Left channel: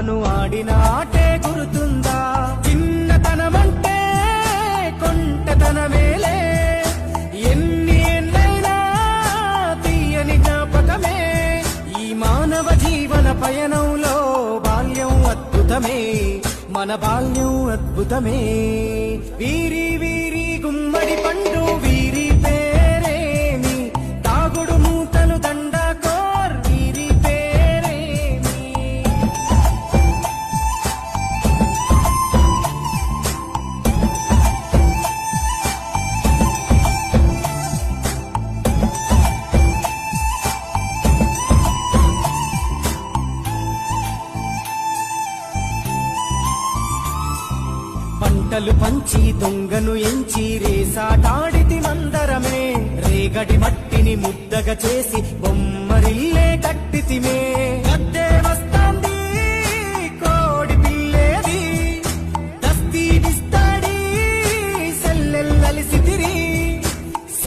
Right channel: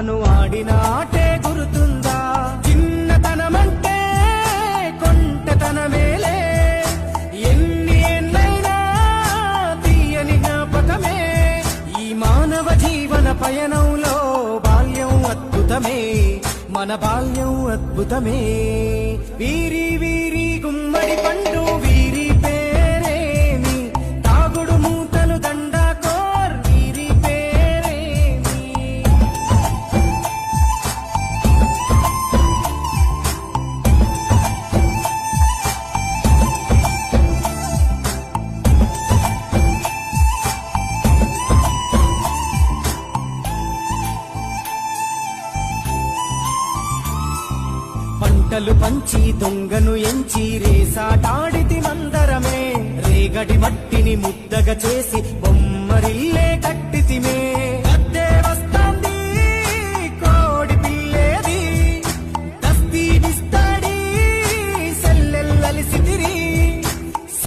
ఆడిన ఆటే గురుతుందా? చిన్నతనమంటే కొంటతనమేలే, ఎన్ని ఏళ్ళైనా తీయని జ్ఞాపకమే. ఈ మానవ జీవన పయనంలో బాల్యం అద్భుతమే, మన బాల్యం అద్భుతమే. వీరి వీరి గుమ్మడి పండు వీరి పేరేమి, తాగుడు మూతలు దండాకోర్ వీరి పేరేమి. పంటలు పంచి దొంగను ఎంచి రేసాటాడితి మందరమే, రేగడి మట్టిని ముద్దగా చేసి బొమ్మరిల్లే కట్టితిమే. గద్దే వస్తాంది కోడి పిల్లేది, దస్తీనిస్తాడి సెల్లెల్లలిసి తిరి,